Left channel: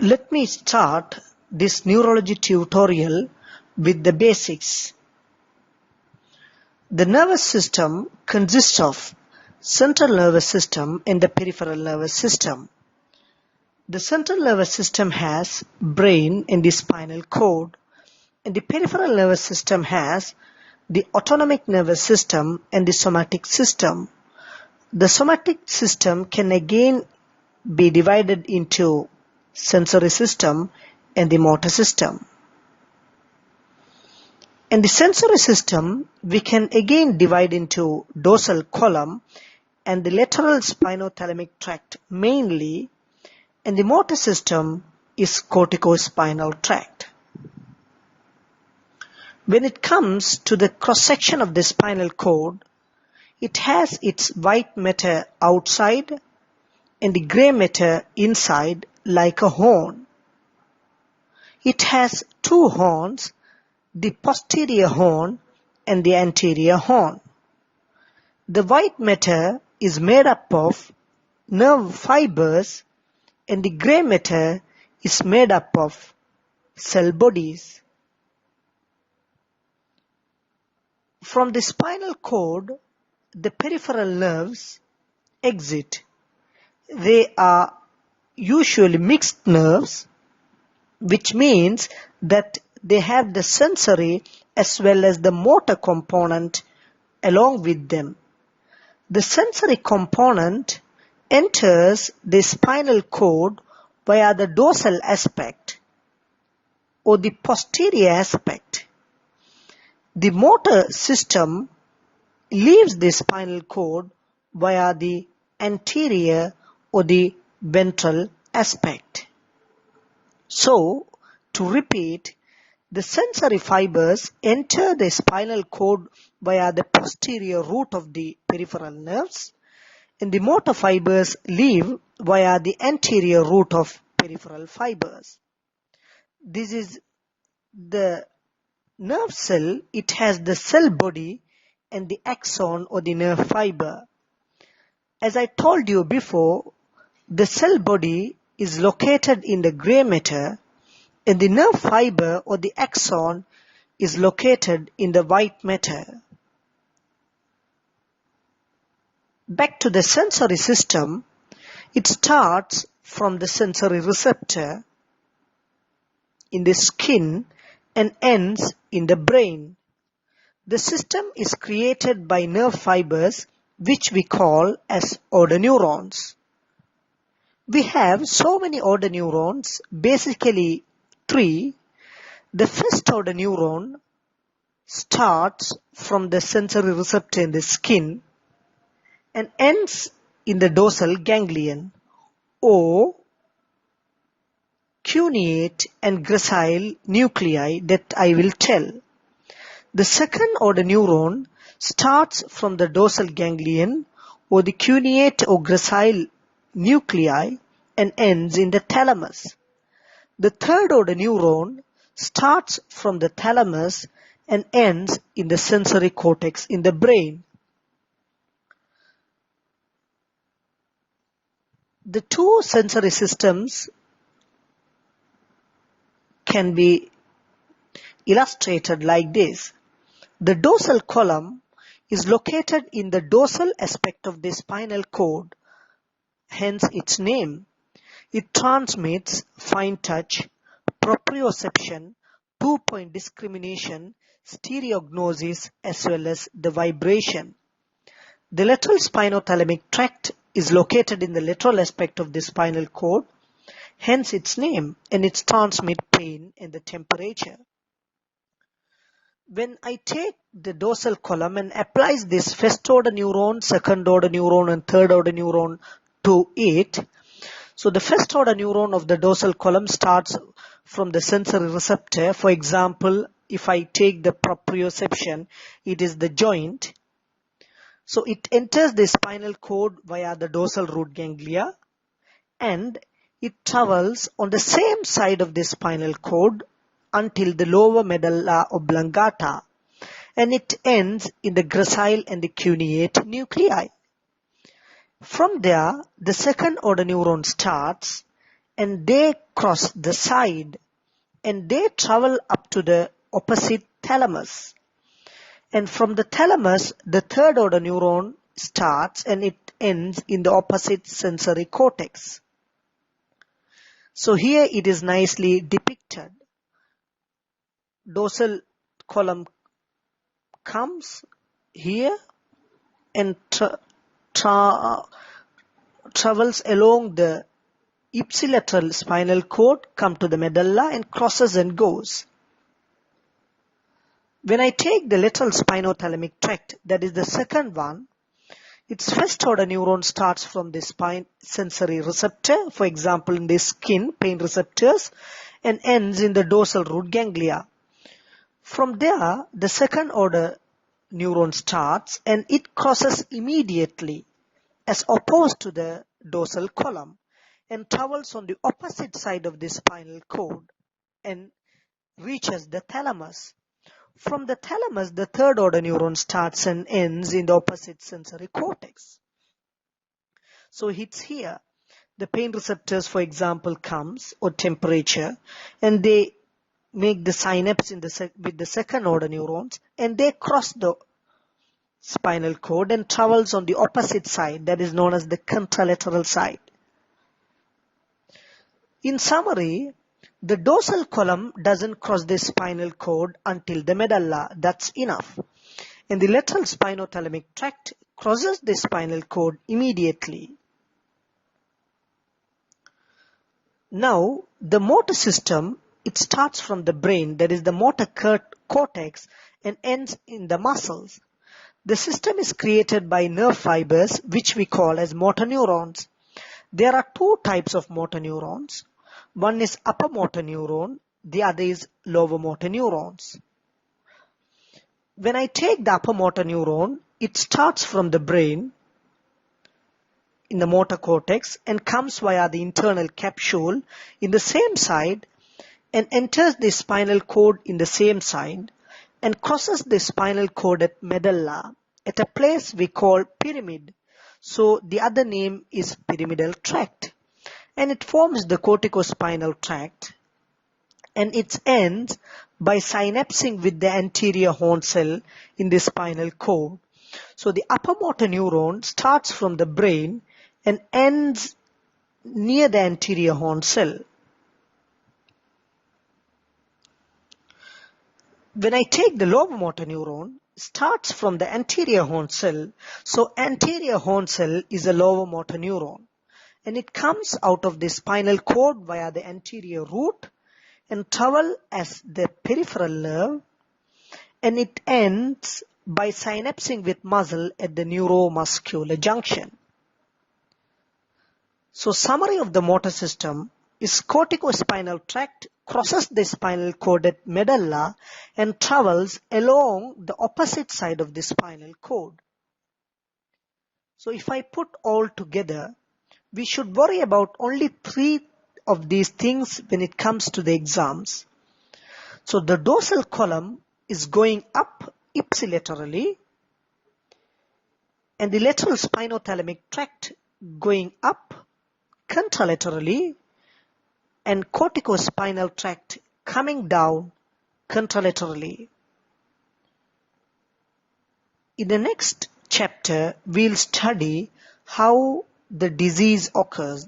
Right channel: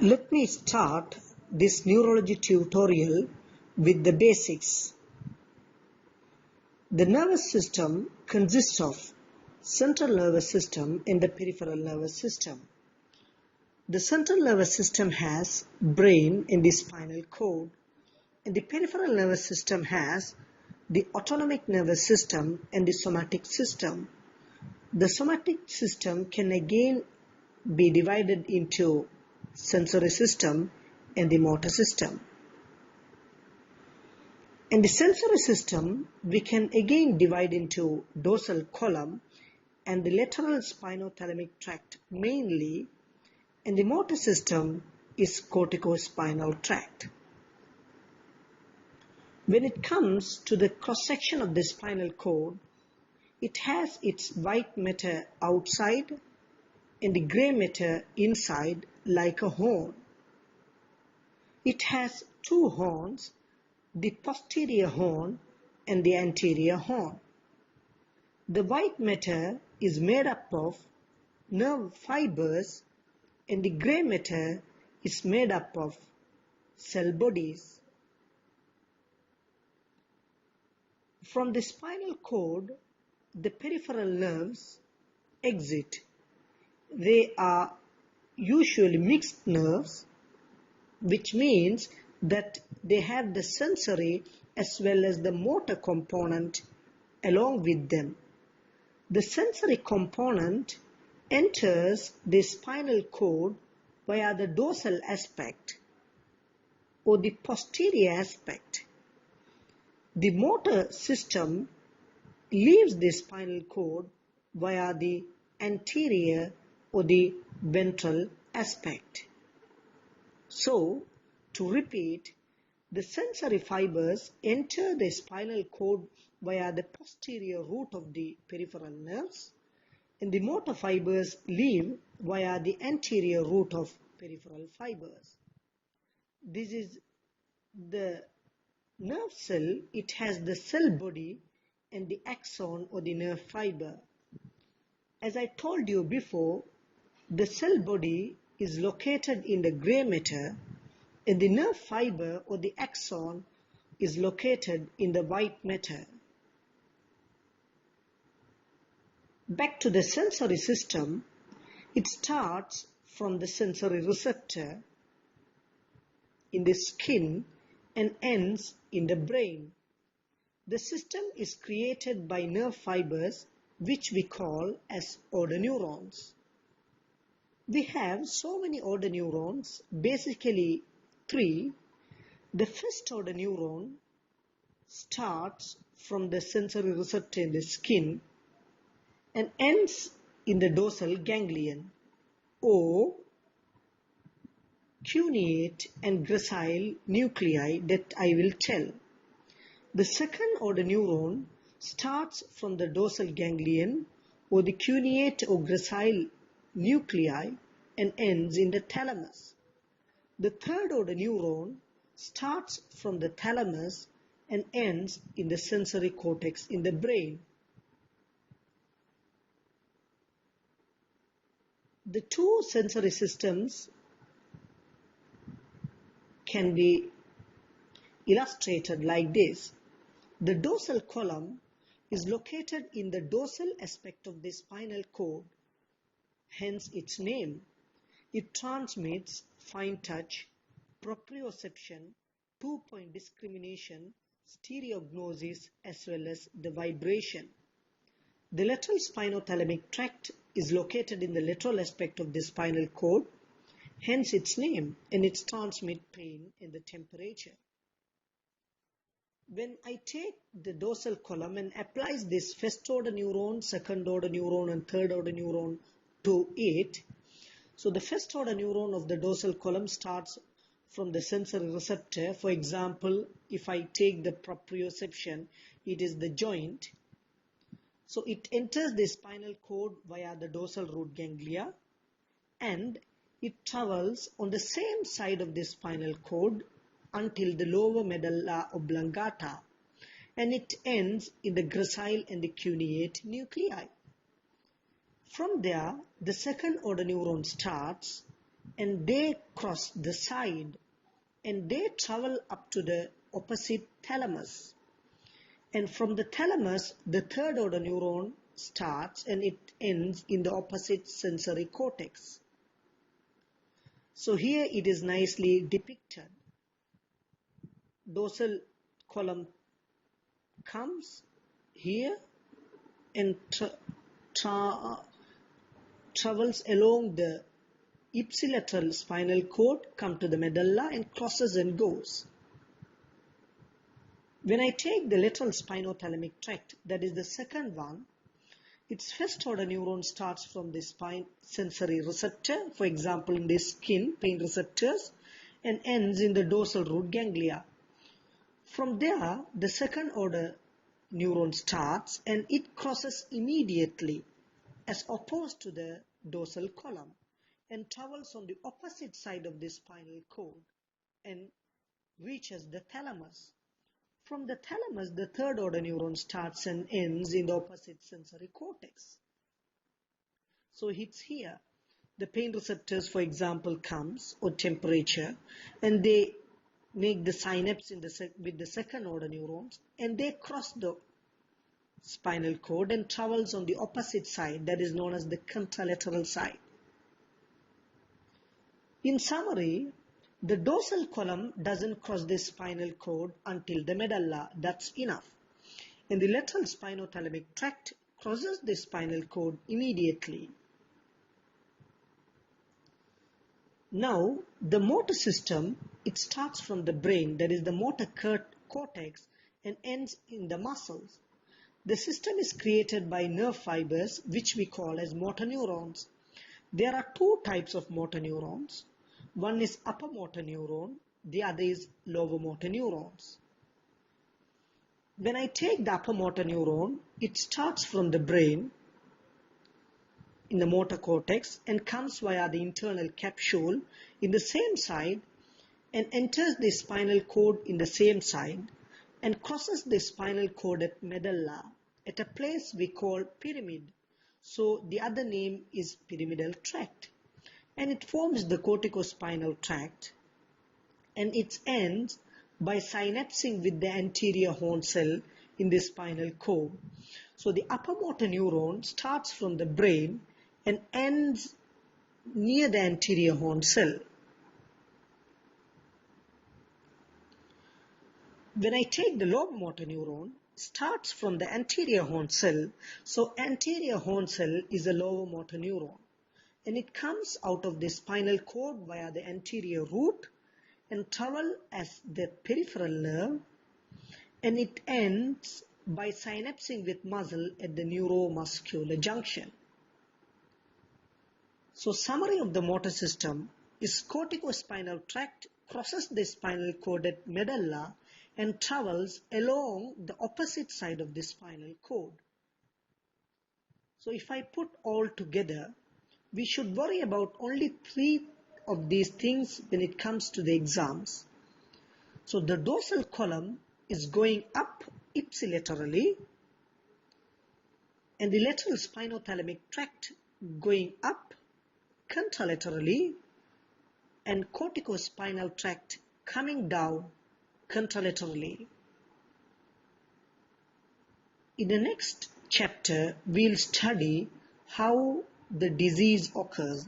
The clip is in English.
Let me start this neurology tutorial with the basics. The nervous system consists of central nervous system and the peripheral nervous system. The central nervous system has brain and the spinal cord, and the peripheral nervous system has the autonomic nervous system and the somatic system. The somatic system can again be divided into sensory system and the motor system. In the sensory system, we can again divide into dorsal column and the lateral spinothalamic tract mainly, and the motor system is corticospinal tract. When it comes to the cross-section of the spinal cord, it has its white matter outside and the gray matter inside like a horn. It has two horns, the posterior horn and the anterior horn. The white matter is made up of nerve fibers and the gray matter is made up of cell bodies. From the spinal cord, the peripheral nerves exit. They are usually mixed nerves, which means that they have the sensory as well as the motor component along with them. The sensory component enters the spinal cord via the dorsal aspect or the posterior aspect. The motor system leaves the spinal cord via the anterior or the ventral aspect. So, to repeat, the sensory fibers enter the spinal cord via the posterior root of the peripheral nerves, and the motor fibers leave via the anterior root of peripheral fibers. This is the nerve cell. It has the cell body and the axon or the nerve fiber. As I told you before, the cell body is located in the gray matter and the nerve fiber or the axon is located in the white matter. Back to the sensory system, it starts from the sensory receptor in the skin and ends in the brain. The system is created by nerve fibers which we call as order neurons. We have so many order neurons, basically three. The first order neuron starts from the sensory receptor in the skin and ends in the dorsal ganglion or cuneate and gracile nuclei that I will tell. The second order neuron starts from the dorsal ganglion or the cuneate or gracile nuclei and ends in the thalamus. The third order neuron starts from the thalamus and ends in the sensory cortex in the brain. The two sensory systems can be illustrated like this. The dorsal column is located in the dorsal aspect of the spinal cord, hence its name. It transmits fine touch, proprioception, two-point discrimination, stereognosis as well as the vibration. The lateral spinothalamic tract is located in the lateral aspect of the spinal cord, hence its name, and it transmits pain and the temperature. When I take the dorsal column and applies this first order neuron, second order neuron and third order neuron to it, so the first order neuron of the dorsal column starts from the sensory receptor. For example, if I take the proprioception, it is the joint. So it enters the spinal cord via the dorsal root ganglia and it travels on the same side of the spinal cord until the lower medulla oblongata, and it ends in the gracile and the cuneate nuclei. From there, the second order neuron starts and they cross the side and they travel up to the opposite thalamus. And from the thalamus, the third order neuron starts and it ends in the opposite sensory cortex. So here it is nicely depicted. Dorsal column comes here and travels along the ipsilateral spinal cord, come to the medulla and crosses and goes. When I take the lateral spinothalamic tract, that is the second one, its first order neuron starts from the spine sensory receptor, for example in the skin, pain receptors, and ends in the dorsal root ganglia. From there, the second order neuron starts and it crosses immediately as opposed to the dorsal column and travels on the opposite side of the spinal cord and reaches the thalamus. From the thalamus, the third order neuron starts and ends in the opposite sensory cortex. So it's here. The pain receptors, for example, comes, or temperature, and they make the synapse with the second order neurons, and they cross the spinal cord and travels on the opposite side, that is known as the contralateral side. In summary, the dorsal column doesn't cross the spinal cord until the medulla. That's enough. And the lateral spinothalamic tract crosses the spinal cord immediately. Now, the motor system, it starts from the brain, that is the motor cortex, and ends in the muscles. The system is created by nerve fibers, which we call as motor neurons. There are two types of motor neurons. One is upper motor neuron, the other is lower motor neurons. When I take the upper motor neuron, it starts from the brain in the motor cortex and comes via the internal capsule in the same side and enters the spinal cord in the same side and crosses the spinal cord at medulla at a place we call pyramid. So the other name is pyramidal tract. And it forms the corticospinal tract and it ends by synapsing with the anterior horn cell in the spinal cord. So the upper motor neuron starts from the brain and ends near the anterior horn cell. When I take the lower motor neuron, starts from the anterior horn cell. So anterior horn cell is a lower motor neuron. And it comes out of the spinal cord via the anterior root and travel as the peripheral nerve, and it ends by synapsing with muscle at the neuromuscular junction. So summary of the motor system is corticospinal tract crosses the spinal cord at medulla and travels along the opposite side of the spinal cord. So if I put all together, we should worry about only 3 of these things when it comes to the exams. So the dorsal column is going up ipsilaterally and the lateral spinothalamic tract going up contralaterally and corticospinal tract coming down contralaterally. In the next chapter, we'll study how the disease occurs.